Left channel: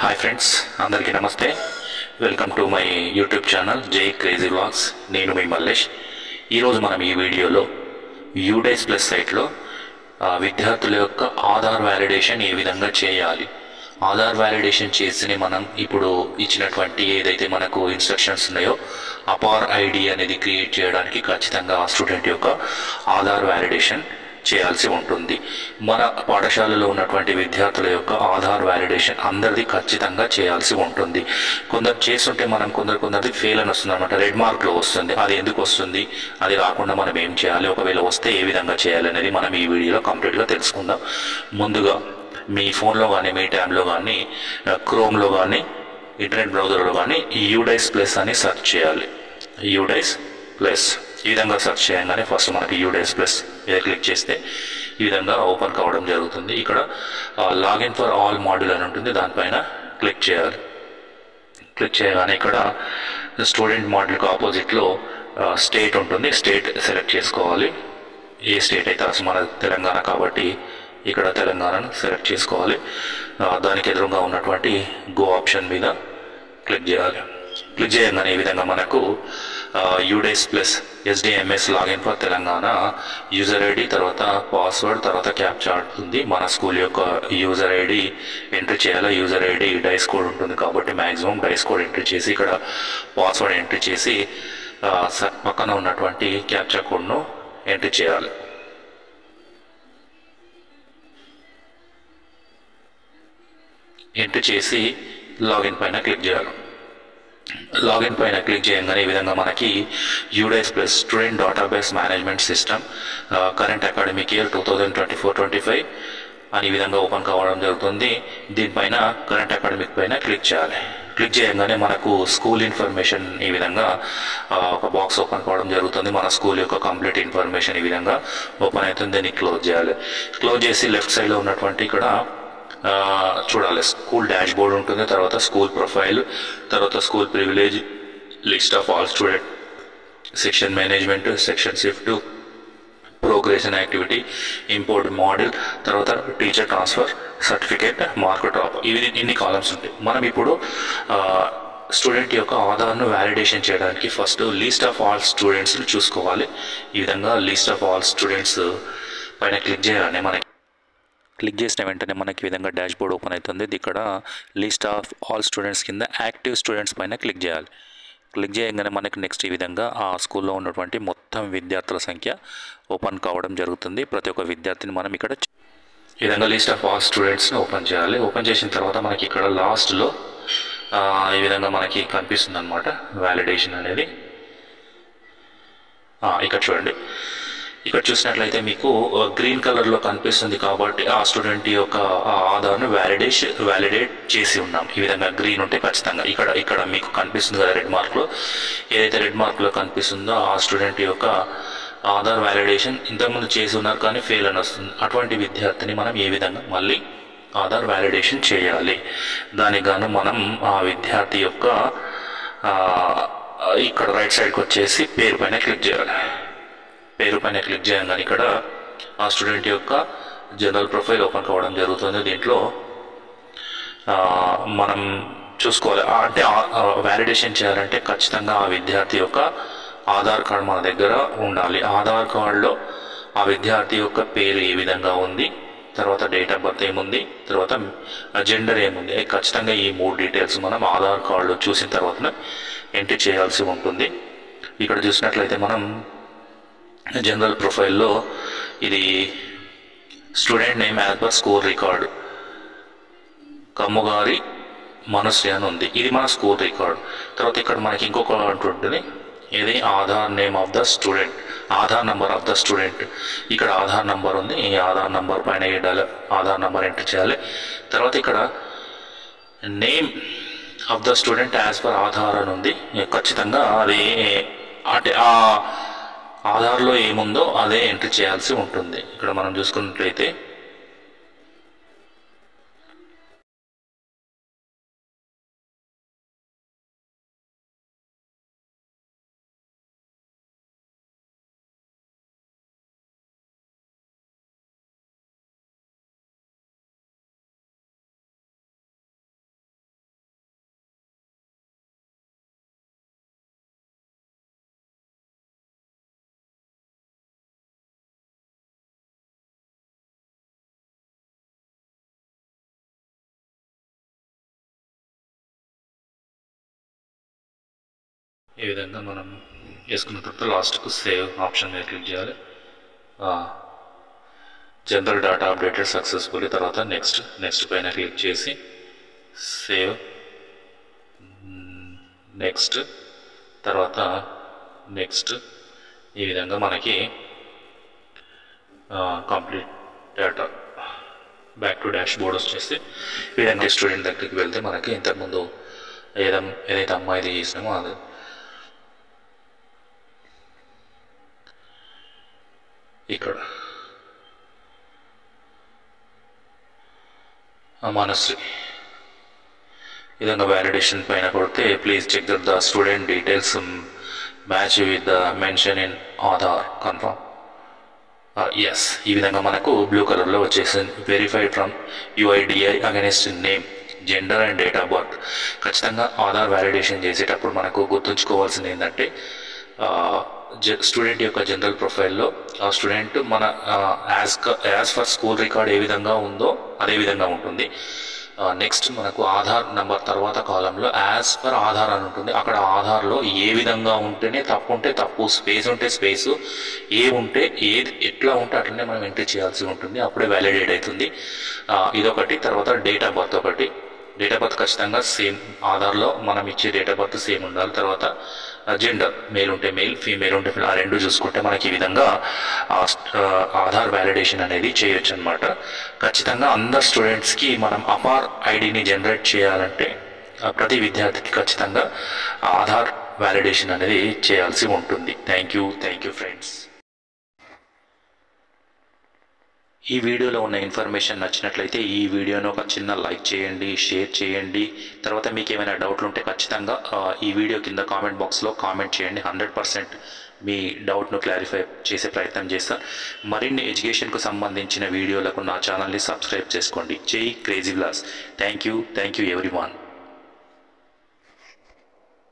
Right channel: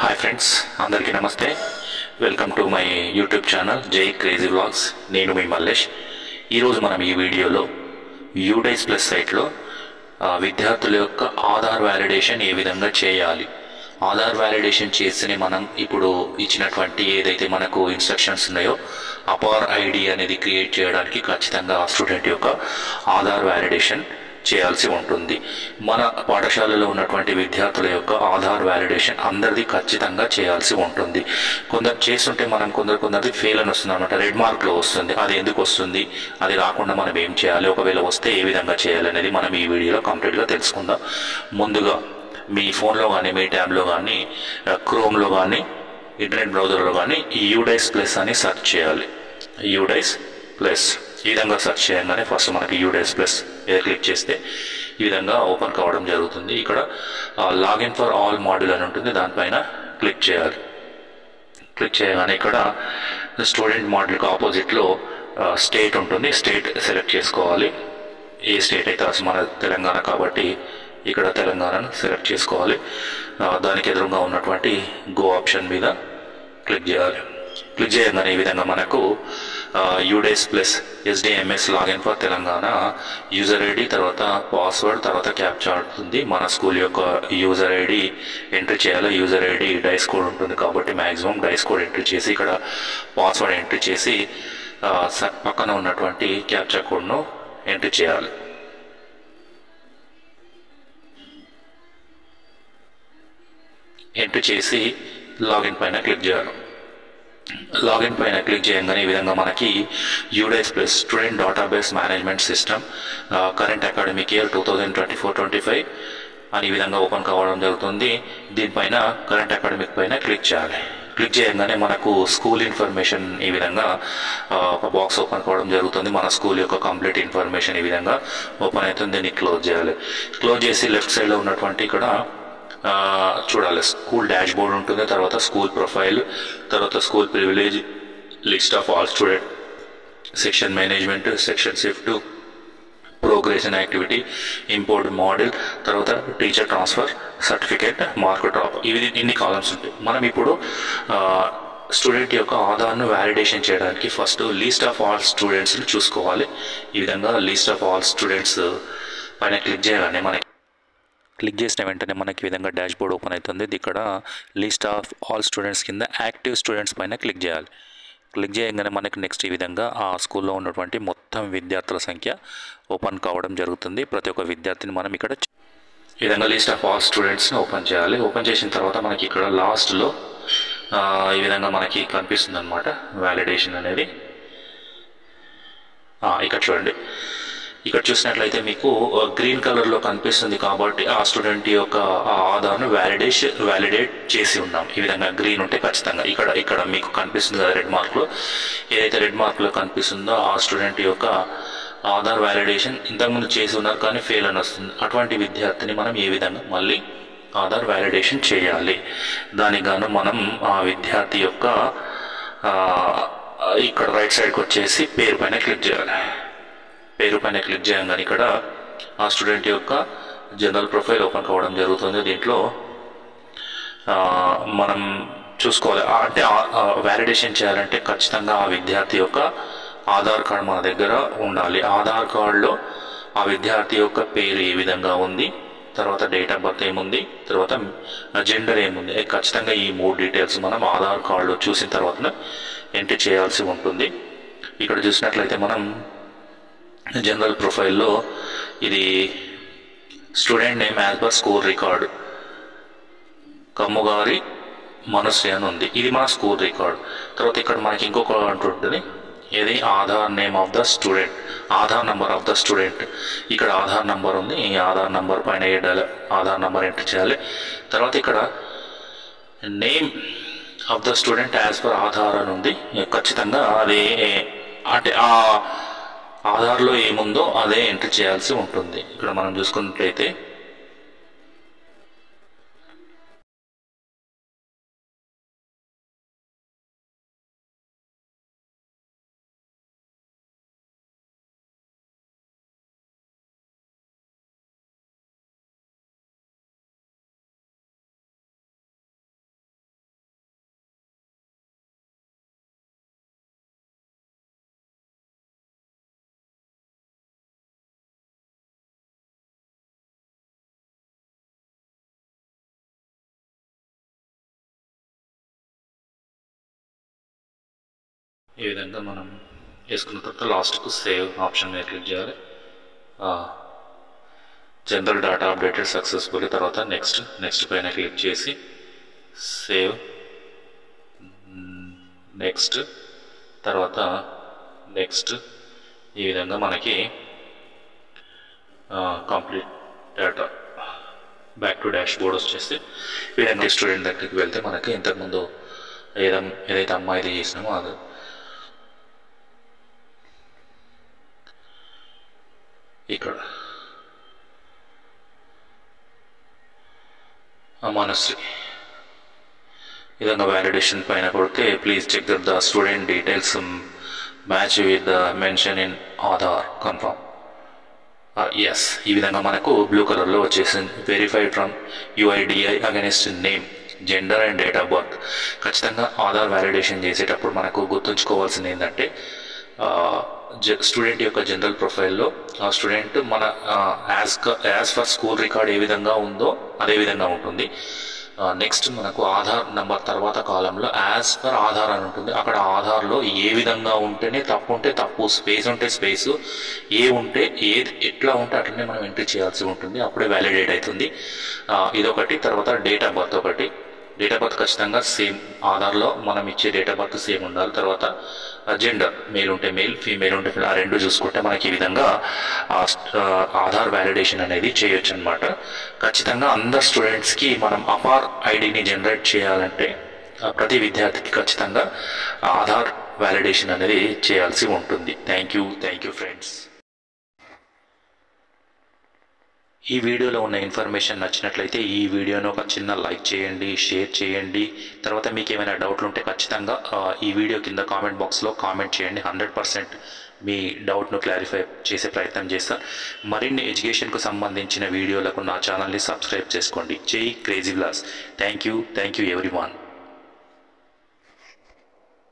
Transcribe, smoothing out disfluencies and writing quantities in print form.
Hi friends, అందరికీ నమస్తే. Welcome to my YouTube channel జై క్రేజీ వ్లాగ్స్. నేను మీ మల్లేష్. ఈరోజు మనం ఈ వీడియోలో యూడైస్ ప్లస్ సైట్లో విద్యార్థుల యొక్క ఆధార్ వ్యాలిడేషన్ ఏ విధంగా చేయాలి, ఆధార్ వ్యాలిడేషన్ చేసి మనం ఇప్పుడు ఇచ్చినటువంటి ఏదైతే మనకు ఇన్స్ట్రక్షన్స్ ఉన్నాయో అపార్ ఐడి అనేది క్రియేట్ చేయడానికి ఖచ్చితంగా ఆ స్టూడెంట్ యొక్క ఆధార్ వ్యాలిడేషన్ చేయాల్సి ఉంటుంది. మన పాఠశాలలో ఉన్నటువంటి విద్యార్థుల యొక్క ఆధార్ వ్యాలిడేషన్ అందరిది ఖచ్చితంగా చేయాల్సి ఉంటుంది. కొందరు చేస్తుంటే మనం కొందరిది ఫెయిల్ అని వస్తుంది అనమాట, రెడ్ మార్క్లో వస్తుంది. అది ఎందుకు వస్తుంది, అది రాకుండా మనం ఏం చేయాలి, ఒకవేళ వస్తే ఏ విధంగా చేయాలి అనేది మనం ఈ వీడియోలో కంప్లీట్గా తెలుసుకుందాం. ముందుగా మీ ఫోన్లో కానీ మీ ట్యాబ్లో కానీ క్రోమ్లో కానీ ఇంటర్నెట్ బ్రౌజర్లో కానీ యూడైస్ ప్లస్ అని సెర్చ్ చేయాలి. యూడైస్ ప్లస్ ఈ విధంగా సెర్చ్ చేయగానే ఫస్ట్ మనకి యూడైస్ ప్లస్ మీద క్లిక్ చేస్తే ఈ విధంగా ఓపెన్ కావడం జరుగుతుంది. ఇక్కడ లాగిన్ ఫర్ ఆల్ మాడ్యూల్ అని ఉంటుంది, దానిపైన క్లిక్ చేయాలి. క్లిక్ చేయగానే ఇక్కడ స్టూడెంట్ మాడ్యూల్కి ఆపోజిట్లో స్టేట్ ఉంటుంది, స్టేట్ సెలెక్ట్ చేసుకోవాలి. ఏ స్టేట్ అయితే మన తెలంగాణ కాబట్టి ఇక్కడ తెలంగాణను సెలెక్ట్ చేసుకోవాలి. దానికి ఎదురుగా ఉన్నటువంటి గో ఆప్షన్ మీద క్లిక్ చేయాలి. క్లిక్ చేయగానే ఈ విధంగా మనకు UDISE plus ఎస్డిఎంఎస్ login for Telangana user ID, తర్వాత పాస్వర్డ్, తర్వాత క్యాప్చా ఉంటుంది. మన స్కూల్ యొక్క యూజర్ ఐడి ఎంట్రీ చేయాలి. యూజర్ ఐడి డైస్ కోడ్ ఉంటుంది కాబట్టి మ్యాక్సిమం డైస్ కోడ్ ఎంట్రీ చేసి ఇక్కడ పాస్వర్డ్ ఎంట్రీ చేసి పక్కన ఉన్నటువంటి క్యాప్చా కోడ్ను ఎంట్రీ చేయాలి. ఎంట్రీ చేసి లాగిన్ పైన క్లిక్ చేయాలి. లాగిన్ పైన క్లిక్ చేయగానే ఈ విధంగా మనకి UDISE plus student database management system current academic year 2024-25 అని ఈ విధంగా ఓపెన్ కావడం జరుగుతుంది. దీనిపైన కరెంట్ అకాడమిక్ పైన క్లిక్ చేయాలి. క్లిక్ చేయగానే మనకు స్కూల్ ఇన్ఫర్మేషన్ ఈ విధంగా ఒక బాక్స్ ఓపెన్ కావడం జరుగుతుంది. మన స్కూల్ యొక్క కంప్లీట్ ఇన్ఫర్మేషన్ ఈ విధంగా ఓపెన్ అవుతుంది. దీన్ని క్లోజ్ చేయాలి. క్లోజ్ చేసి లెఫ్ట్ సైడ్లో ఉన్నటువంటి ఇక్కడ చూడాలి, స్కూల్ డాష్ బోర్డ్ ఉంటుంది, తర్వాత స్కూల్ ప్రొఫైల్, తర్వాత school privilege, list of all student, section management, section shift, progression activity, import model, తర్వాత teacher transfer, certificate, mark drop, ఇన్ని కాలమ్స్ ఉంటాయి. మనం ఇప్పుడు స్టూడెంట్ యొక్క ఆధార్ను వ్యాలిడేషన్ చేయడానికి ఫస్ట్ లిస్ట్ ఆఫ్ ఆల్ స్టూడెంట్స్ని చూసుకోవాలి. ఈ విధంగా లిస్ట్ ఆఫ్ ఆల్ స్టూడెంట్స్ పైన క్లిక్ చేయగానే మనకి క్లిక్ చేసిన వెంటనే మనకి ఈ విధంగా డాష్ బోర్డ్ ఓపెన్ అవుతుంది. ఇక్కడ లిస్ట్ ఆఫ్ ఆల్ స్టూడెంట్స్ కింద యాక్టివ్ స్టూడెంట్స్ పైన క్లిక్ చేయాలి. క్లిక్ చేయగానే మనకి నెక్స్ట్ ఈ విధంగా ఆ స్కూల్లో ఉన్నటువంటి మొత్తం విద్యార్థుల సంఖ్య ఓపెన్ కావడం జరుగుతుంది. ప్రతి ఒక్క విద్యార్థిని మనం ఇక్కడ ఈ విధంగా లిస్ట్ ఆఫ్ ఆల్ స్టూడెంట్స్ని ఓపెన్ చేయాలి. ఓపెన్ చేసిన తర్వాత మనకి ఇక్కడ లాస్ట్లో ఈ విధంగా మనకి కనిపిస్తుంది అనమాట వ్యాలిడేషన్ అనేది. ఇక్కడ చూడండి, ఇక్కడ చూసినట్లయితే మీకు గ్రీన్ కలర్లో కనిపిస్తుంది కాబట్టి ఆ స్టూడెంట్ యొక్క ఆధార్ను వ్యాలిడేట్ చేసి ఉన్నాం. ఈ విధంగా గ్రీన్ ఉంటే ఖచ్చితంగా ఇక్కడ మీకు కనిపిస్తుంది కదా రెడ్ మార్క్లో, ఏదైతే రెడ్ మార్క్లో కనిపిస్తుందో ఆ స్టూడెంట్ యొక్క ఆధార్ వ్యాలిడేషన్ ఇంతకుముందు చేసి ఉన్నారు కానీ ఫెయిల్ అని వస్తుంది. అటువంటి విద్యార్థిని మనం ఏ విధంగా మళ్ళీ ఆధార్ వ్యాలిడేషన్ చేయాలి, దానికి గాను మనం ఆ విద్యార్థి యొక్క ఇక్కడ రైట్ సైడ్కి వచ్చేసి పేరు పైన క్లిక్ చేయాలి. పేరు పైన క్లిక్ చేయగానే ఇక్కడ ఆ స్టూడెంట్ యొక్క జనరల్ ప్రొఫైల్ ఓపెన్ కావడం జరుగుతుంది. దీంట్లో మనం చూసుకోవాలి, అంటే వ్యాలిడేషన్ చేయాలంటే ఖచ్చితంగా ఆ విద్యార్థి యొక్క ఆధార్ కార్డు మన దగ్గర ఉండాలి. ఆధార్ కార్డులో ఆ విద్యార్థి యొక్క పేరు ఏ విధంగా ఉంది, తర్వాత డేట్ ఆఫ్ బర్త్ ఏముంది, తర్వాత జెండర్ ఏముంది, ఖచ్చితంగా ఈ 3 డీటెయిల్స్ మనం ఆధార్ కార్డులో చూసిన తర్వాత ఎంట్రీ చేయాల్సి ఉంటుంది. ఇక్కడ చూసినట్లయితే మనం జనరల్ ప్రొఫైల్లో ఇది student name as per school record Kammugari Manasri అని ఉంది, ఇది మన స్కూల్ రికార్డు. తర్వాత ఇక్కడ మనకి ఇంకొక అంటుంటుంది, ఇది Aadhaar name of the student, Aadhaar number of the student. ఇక్కడ ఆధార్ నంబర్ ఉంది, ఈ ఆధార్ నంబర్ పైన ఆధార్ నంబర్ ఎంటర్ చేయాలి. తర్వాత ఇక్కడ name of the student as per Aadhaar అని ఉంది, ఖచ్చితంగా అది అంటే ఆ ఆధార్లో ఏముందో అదే ఎంట్రీ చేయాల్సి ఉంటుంది. ఇక్కడ మనం చూసుకున్నట్లయితే ఈ విధంగా మనం వేసుకున్న తర్వాత లాస్ట్కు సేవ్ ఆప్షన్ మీద క్లిక్ చేయాలి. జనరల్ డేటా అప్డేటెడ్ సక్సెస్ఫుల్లీ, తర్వాత నెక్స్ట్ పైన క్లిక్ చేసి సేవ్, నెక్స్ట్, తర్వాత నెక్స్ట్. ఈ విధంగా మనకి complete data back to dash board వచ్చేసి ఈ విధంగా స్టూడెంట్ దగ్గరికి వెళ్తే మనకి ఇంతకుముందు ఏదైతే అమ్మాయిది చేసినామో అది ఇక్కడ మనశ్రీ ఈ విధంగా వ్యాలిడేషన్ పైన కొడితే please check that the student details match with the mention in Aadhaar confirm. Yes, ఈ విధంగా మనకు బ్లూ కలర్లో వచ్చేసింది. Verified from UIDAI against name, gender and date of birth. ఖచ్చితంగా ఆధార్ వ్యాలిడేషన్ చేసేటప్పుడు మనకు గుర్తుంచుకోవాల్సింది ఏంటంటే స్టూడెంట్ యొక్క జనరల్ ప్రొఫైల్లో ఆ స్టూడెంట్ మన యాజ్ ఫర్ స్కూల్ రికార్డ్ ఏ విధంగా ఉందో అదే విధంగా ఉంటుంది. నెక్స్ట్ మనకు ఆధార్ నంబర్ తర్వాత కాలంలో యాజ్ పర్ ఆధార్ అని ఉంటుంది. అక్కడ ఆధార్లో ఏ విధంగా ఉంటేనే తప్పు ఉంటే తప్పు, స్పేస్ ఉంటే స్పేసు, ఏ ఉంటే ఏది ఎట్లా ఉంటే అట్లనే మనం ఎంట్రీ చేయాల్సి ఉంటుంది. అప్పుడే వ్యాలిడేట్ అవుతుంది. ఇదొకటి. తర్వాత డేట్ ఆఫ్ బర్త్ ఒకటి. డేట్ ఆఫ్ బర్త్ ఖచ్చితంగా సేమ్, ఆధార్లో మనం ఇచ్చే డేట్ ఆఫ్ బర్త్ సేమ్ ఉండాలి. తర్వాత జెండర్, మేల్ ఉంటే మేల్, ఫీమేల్ ఉంటే ఫీమేల్, ఆ రెండు చూసుకుంటే మనకి ఈ విధంగా ఆధార్ వ్యాలిడేషన్ అనేది చేయొచ్చు అనమాట. ఖచ్చితంగా అందరు స్టూడెంట్స్కి మనం అపార్ ఐడిని జనరేట్ చేయాలంటే ప్రతి విద్యార్థికి ఖచ్చితంగా ఆధార్ వ్యాలిడేషన్ అనేది చేయాల్సి ఉంటుంది. Thank you friends. ఈ వీడియోలో ఉన్న ఇన్ఫర్మేషన్ నచ్చినట్లయితే ఈ వీడియోను ఒక చిన్న లైక్ చేయండి, షేర్ చేయండి. తర్వాత మీకు ఏమైనా డౌట్లు ఉంటే ఖచ్చితంగా ఈ వీడియో కింద కామెంట్ బాక్స్లో కామెంట్ చేయండి. 100% మీ డౌట్ను క్లారిఫై చేసే ప్రయత్నం చేస్తాను. మరిన్ని ఎడ్యుకేషన్కు సంబంధించిన వీడియోలకు నా ఛానల్ని సబ్స్క్రైబ్ చేసుకోండి. జై crazy vlogs. Thank you everyone.